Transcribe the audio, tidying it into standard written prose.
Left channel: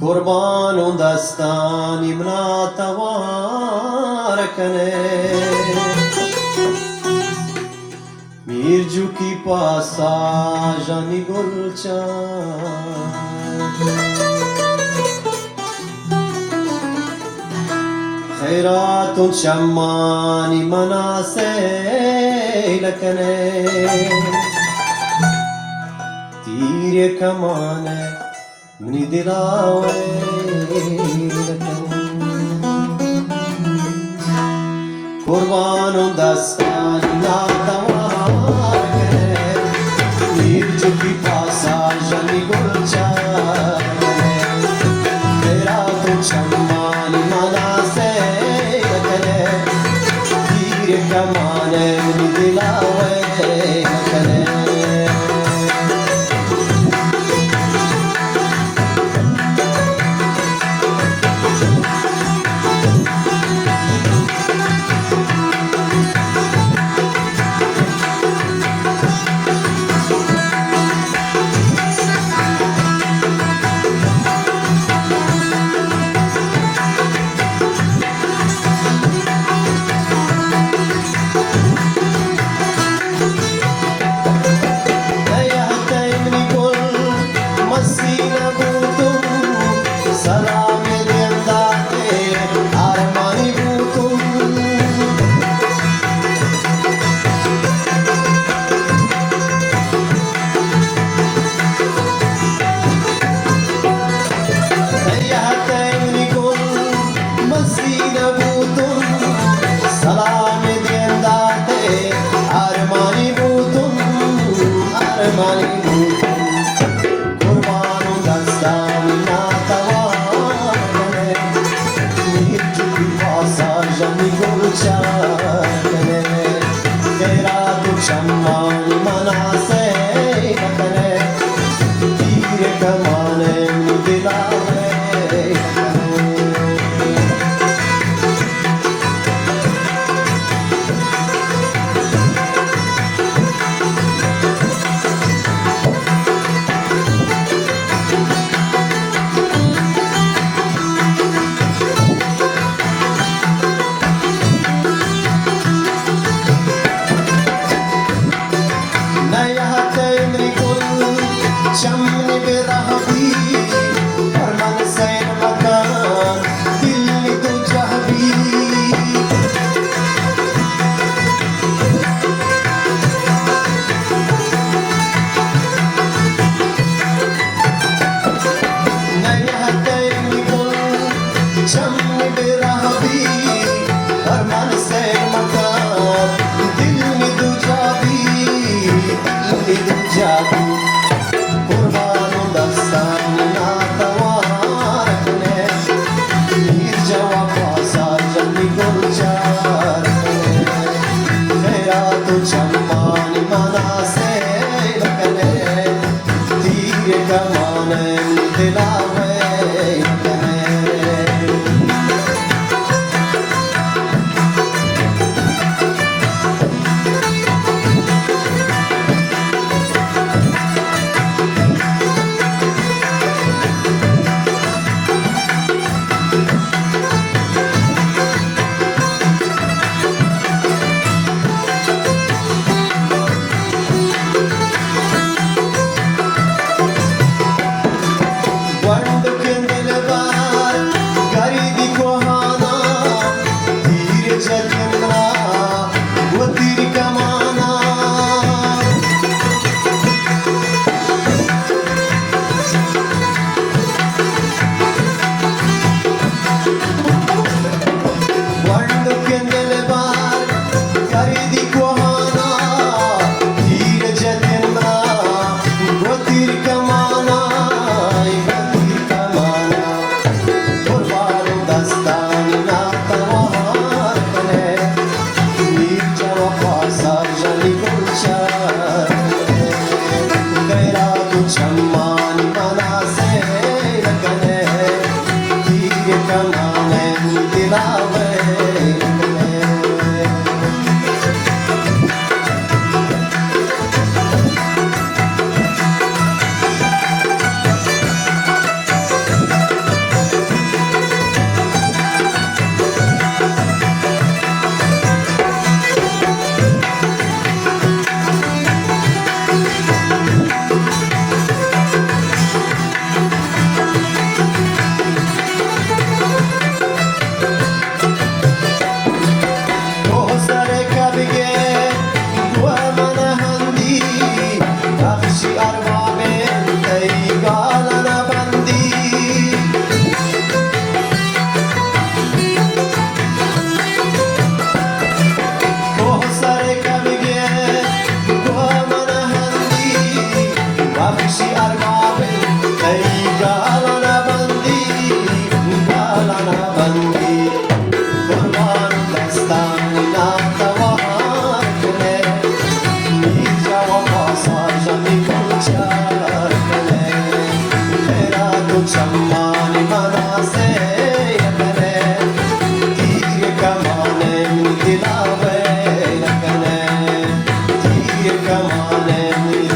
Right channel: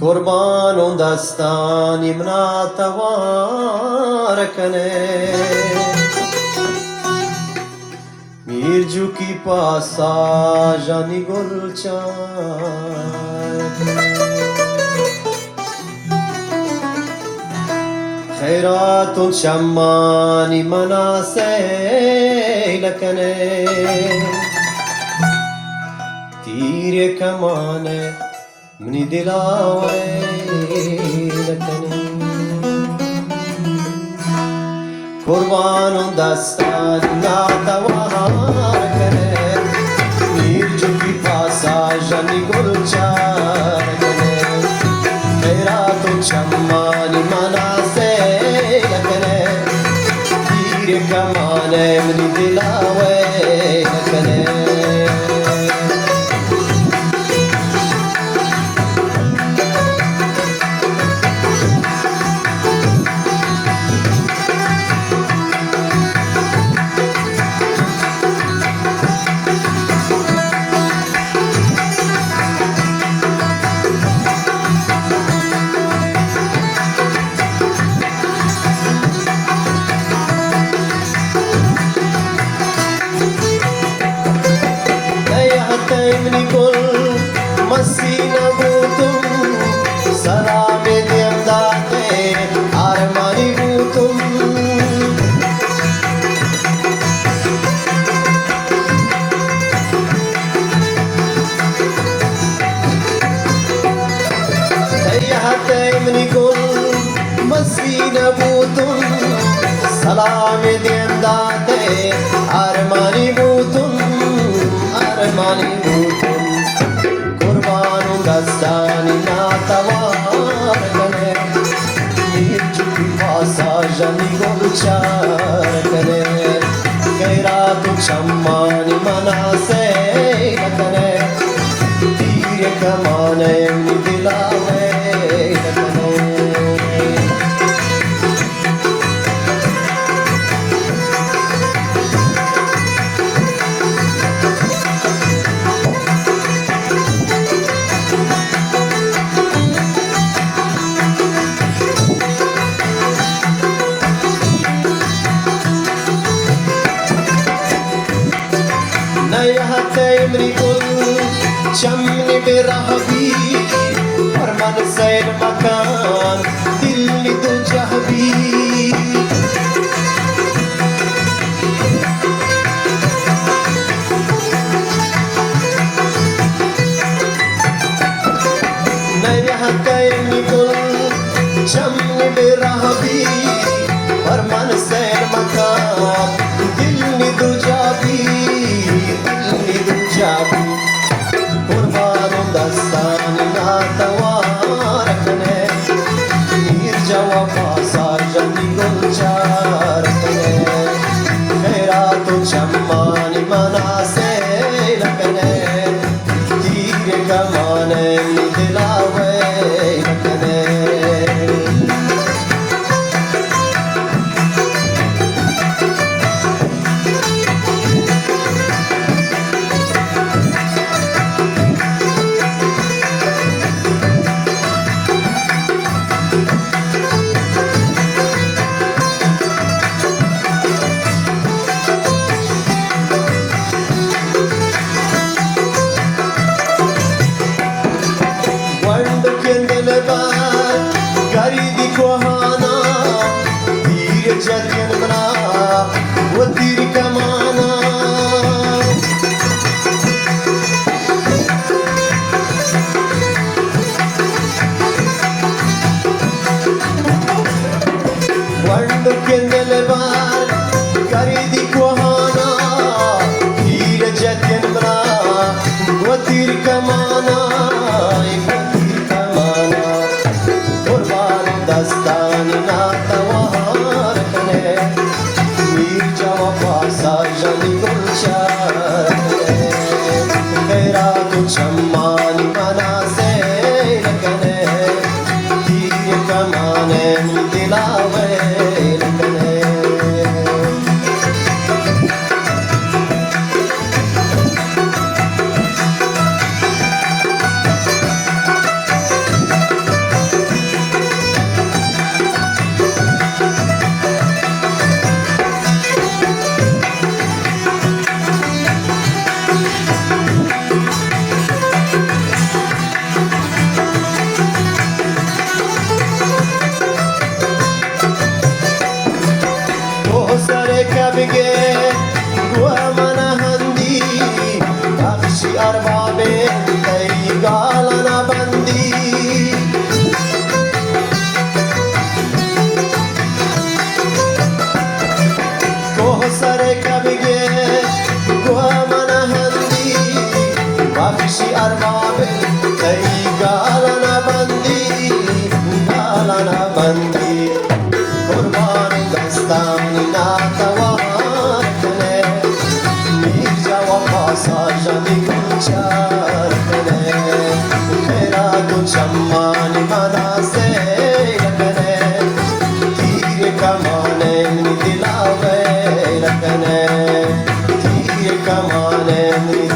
قربان دستانی منا توار کنه میرجو کی پاسا جانی گل چار خیرات و شمانی منا سیل کنه تیر کمانه منی دلاوی لکنه قربان و دستانی ناتوار کنه میر جو کی پاسا جنی گل چار کنه تیرا تو چمانی منا سے لکنه تیر کمانے منی دلاوی لکنه Shammani mana se lakane teere kamane dilawe شمني برهبي فرمان سين مكان دلني تو جهبي نيهتيني كل شمني برهبي فرمان سين مكان دلني تو جهبي دلني تو جهبي family.